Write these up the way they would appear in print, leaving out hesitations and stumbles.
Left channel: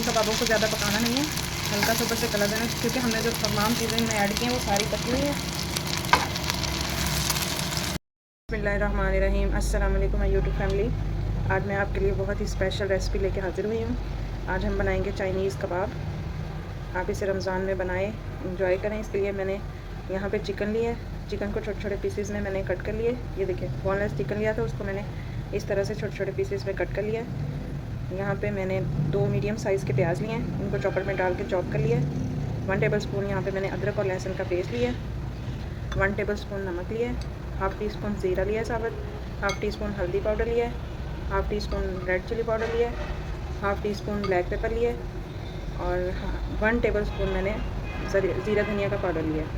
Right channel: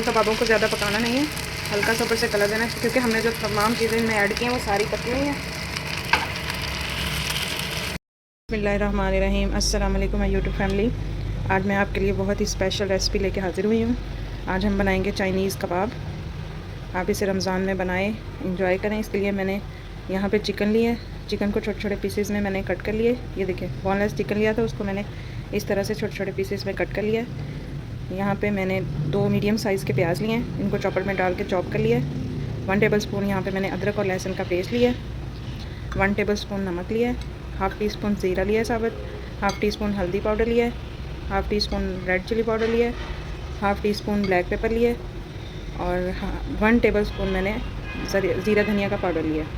इन कबाबों को ज़्यादा पकाना नहीं है, हल्का सा ऊपर से कलर देना है, क्योंकि हमने जो तमाम चीज़ें इनमें ऐड की हैं वो सारी पकी हुई हैं। बिस्मिल्लाहिर्रहमानिर्रहीम। अस्सलाम वालेकुम यूट्यूब फैमिली। आज मैं आपके लिए बहुत ही स्पेशल रेसिपी लेके हाज़िर हुई हूँ। आज हम बनाएंगे चाइनीज़ कबाब। आप इसे रमज़ान में बनाएं, इंजॉय करें। इसके लिए मैंने यहाँ पे चिकन लिया है। चिकन को छोटे छोटे पीसेस में मैंने कट कर लिए। ये देखिए, बोनलेस चिकन लिया था, उसको मैंने इस तरह से छोटे छोटे पीसेस में कट कर लिया। यहाँ पे मैंने 2 मीडियम साइज़ के प्याज लिए हैं, इनको चॉपर में डाल के चॉप कर लिया। 1 टेबल स्पून यहाँ पे मैंने अदरक और लहसुन का पेस्ट लिया। 1 टेबल स्पून नमक लिया है। हाफ़ टी स्पून ज़ीरा लिया है साबुत। हाफ़ टी स्पून हल्दी पाउडर लिया है। Half teaspoon red chilli powder लिया है। Half teaspoon black pepper लिए और 1 टेबल स्पून मैंने ज़ीरा धनिया का पाउडर लिया है।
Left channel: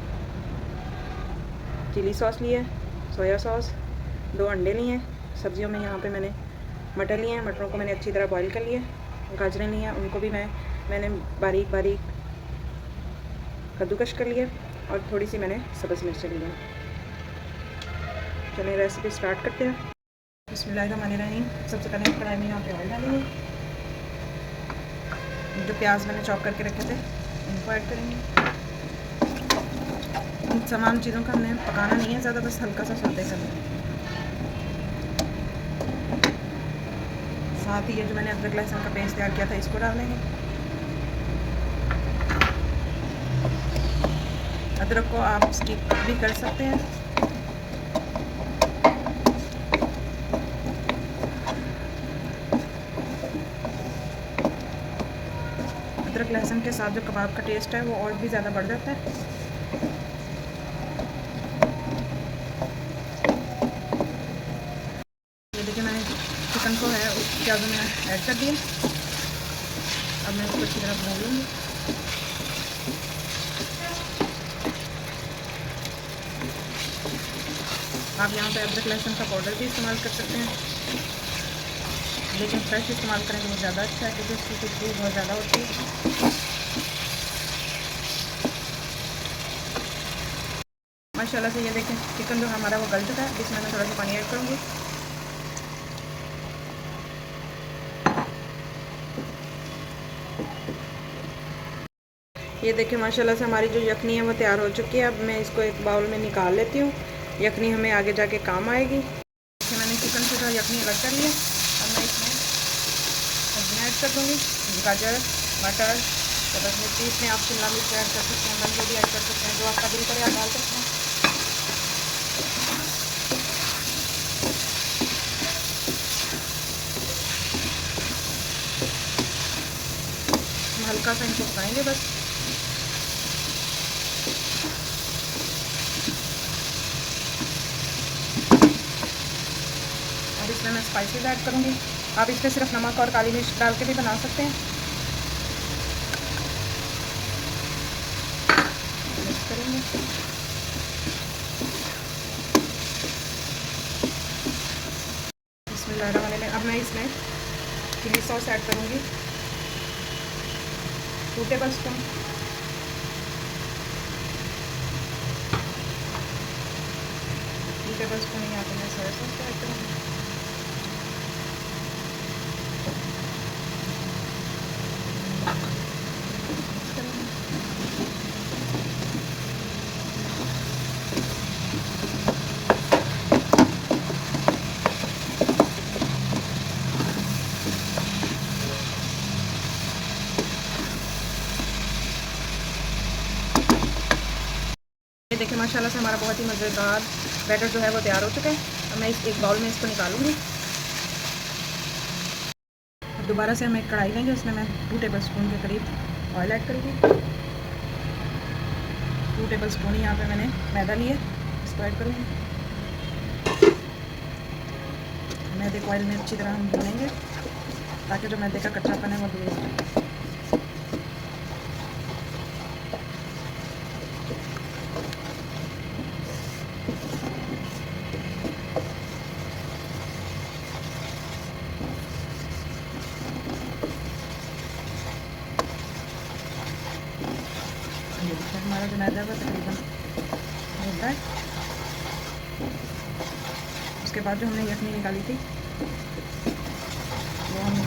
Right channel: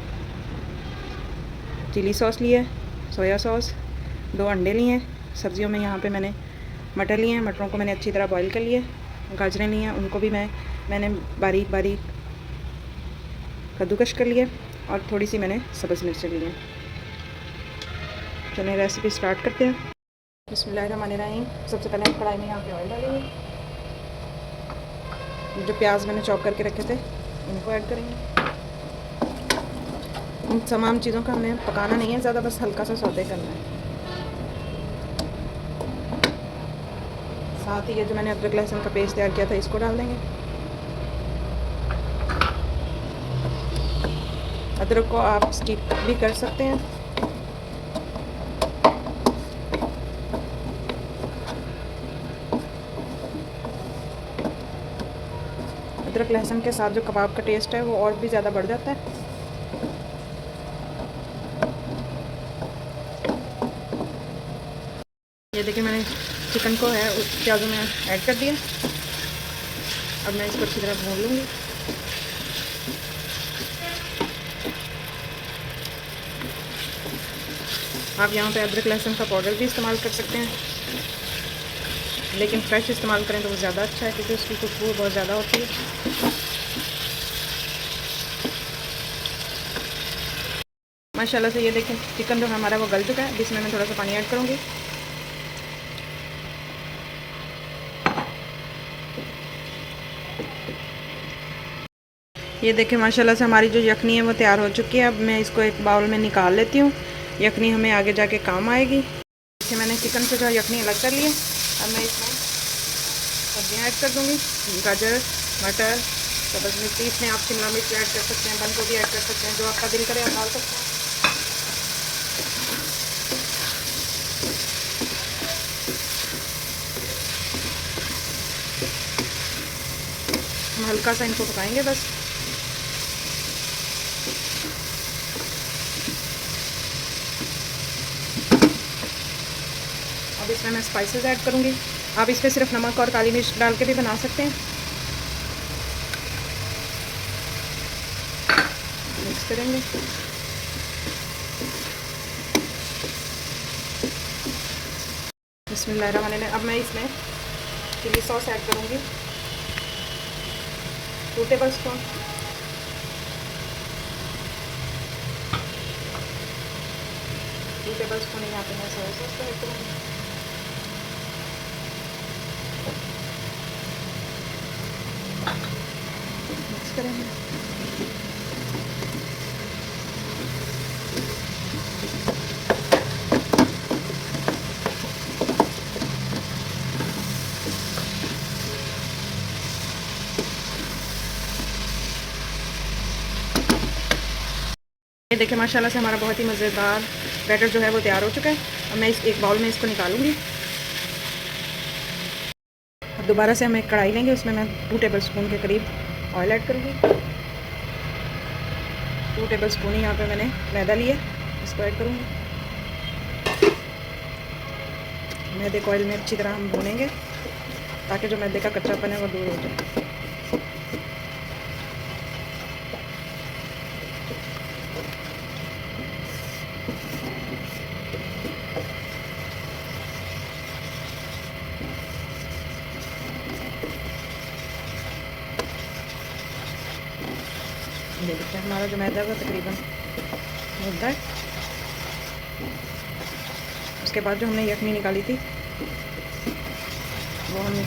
चिली सॉस लिया है, सोया सॉस, 2 अंडे लिए हैं। सब्जियों में यहाँ पे मैंने मटर लिए हैं, मटरों को मैंने अच्छी तरह बॉईल कर लिया। गाजरें ली हैं, उनको भी मैंने बारीक बारीक कद्दूकश कर लिया और थोड़ी सी मैंने सब्ज़ मिर्च ली है। चलिए रेसिपी स्टार्ट करते हैं। बिस्मिल्लाहिर्रहमानिर्रहीम। सबसे पहले हम कढ़ाई में यहाँ पे ऑयल डालेंगे। जो प्याज मैंने चॉप करके रखे थे उनको ऐड करेंगे। इन तमाम चीज़ों को हमें पकाना नहीं है ज़्यादा, बस हल्का सा सौते करना है। साथ ही ये जो मैंने अदरक लहसुन का पेस्ट तैयार किया था इसको डाल देंगे। अदरक को आप स्किप भी कर सकते हैं। अदरक लहसुन के साथ जो कबाब का टेस्ट है वो और भी ज़्यादा बढ़ जाता है। ये देखिए, मैंने चिकन को है प्याज़ों में ऐड कर दिया। अब मैं इसको अच्छी तरह भून लूँगी। आप यहाँ पे अदरक लहसुन का पाउडर भी इस्तेमाल कर सकते हैं, लेकिन फ्रेश इस्तेमाल करें तो वो ज़्यादा अच्छा है, क्योंकि उसकी खुशबू बहुत ज़्यादा होती है। माशाल्लाह से ये देखिए, चिकन जो हमारा वो गल चुका है। अब इसमें मैं थोड़ा सा पानी ऐड करूँगी। ये देखिए, माशाल्लाह से हमारी जो यखनी है वो तैयार हो चुकी है। अब मैं इसको एक बाउल में निकाल लेती हूँ। यखनी हमें आगे जाके काम आएगी। इसमें मैंने चिकन को जो यखनी अलग कर ली है। और मैं इसमें सब्जियाँ ऐड कर दूँगी। गाजर, मटर, सब्ज़ मिर्ची, इसमें आप शिमला मिर्च ऐड कर सकते हैं, बंद गोभी ऐड कर सकते हैं, जो आपका दिल करे आप डाल सकते हैं। हम हल्का सा इनको पकाएंगे बस। अब इसमें मैं स्पाइसेस ऐड करूँगी। आप इस पर सिर्फ नमक और काली मिर्च डाल के भी बना सकते हैं। मिक्स करेंगे। बिस्मिल्लाहिर्रहमानिर्रहीम। अब मैं इसमें चिली सॉस ऐड करूँगी, 2 टेबल स्पून। यहाँ पे मैं सोया सॉस को ऐड करूँगी। मिक्स करेंगे। ये देखिए, माशाल्लाह से हमारा बहुत ही मज़ेदार बैटर जो है वो तैयार हो चुका है। और मैं इस एक बाउल में इसको निकालूंगी। अब दोबारा से हम एक कढ़ाई लेंगे, उसमें मैं 2 टेबल स्पून के करीब ऑयल ऐड करूँगी। 2 टेबल स्पून यहाँ पे मैंने मैदा लिया, इसको ऐड करूँगी। मैदे को ऑयल में अच्छी तरह हम भूनेंगे ताकि जो मैदे का कच्चापन है वो दूर हो जाए। ये देखिए, हमारा जो मैदा का तकरीबन होता है। उसके बाद जो हमने यखनी निकाली थी वो हमने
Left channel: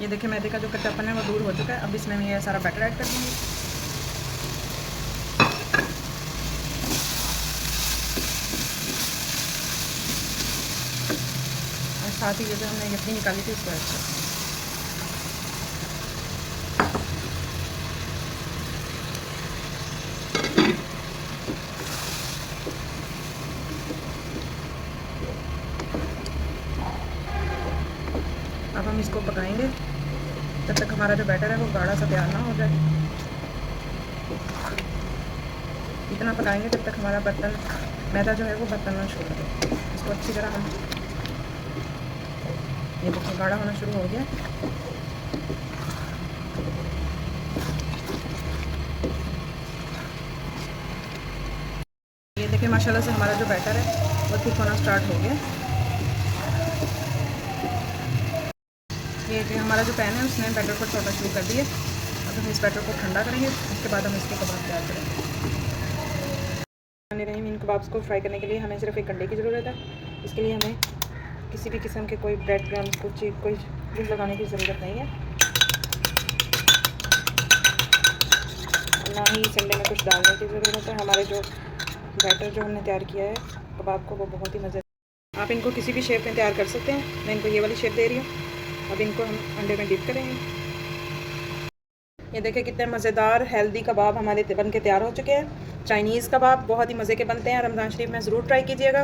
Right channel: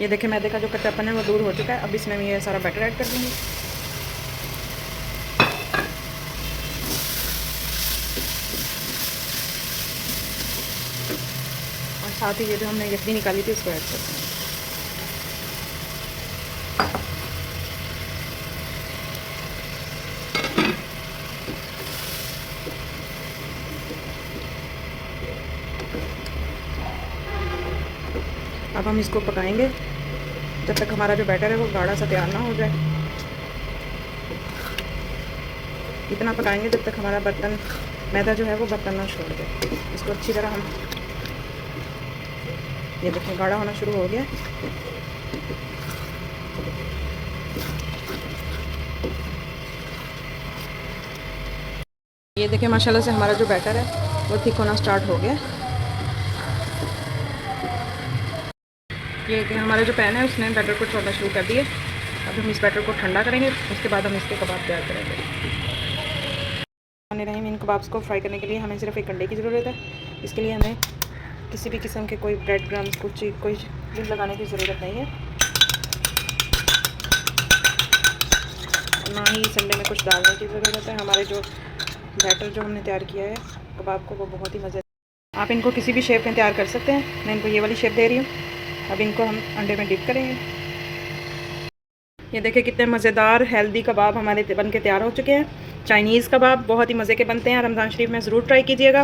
ये देखिए मैदे का जो कच्चापन है वो दूर हो चुका है। अब इसमें मैं ये सारा बैटर ऐड कर दूँगी। और साथ ही ये जो हमने यखनी निकाली थी उसको ऐड कर दूँगी। अब हम इसको पकाएंगे जब तक हमारा जो बैटर है वो गाढ़ा सा तैयार ना हो जाए। इतना पकाएंगे जब तक हमारा बर्तन मैदा जो है वो बर्तन ना छोड़ दे। इसको अच्छी तरह हम, ये देखिए गाढ़ा होना शुरू हो गया। ये देखिए माशाल्लाह से हमारा जो बैटर है वो थिक होना स्टार्ट हो गया। ये कि हमारा जो पैन है उसने बैटर को छोड़ना शुरू कर दिया। अब हम इस बैटर को ठंडा करेंगे, उसके बाद हम इसके कबाब तैयार करेंगे। रही इन कबाब्स को फ्राई करने के लिए हमें सिर्फ एक अंडे की ज़रूरत है। इसके लिए हमें किसी भी किस्म के कोई ब्रेड क्रम्स कोई चीज़ लगाने की ज़रूरत नहीं है, ना ही इस अंडे में कुछ डालने की ज़रूरत है। हमारे जो बैटर जो हमने तैयार किया है कबाब को वो बहुत ही मज़े, आप इनको किसी भी शेप में तैयार कर सकते हैं। मैं इनको ये वाली शेप दे रही हूँ। अब इनको हम अंडे में डिप करेंगे। ये देखिए कितने मज़ेदार हेल्दी कबाब हमारे बन के तैयार हो चुके हैं। चाइनीज़ कबाब बहुत ही मज़े के बनते हैं। रमज़ान शरीफ में ज़रूर ट्राई कीजिएगा।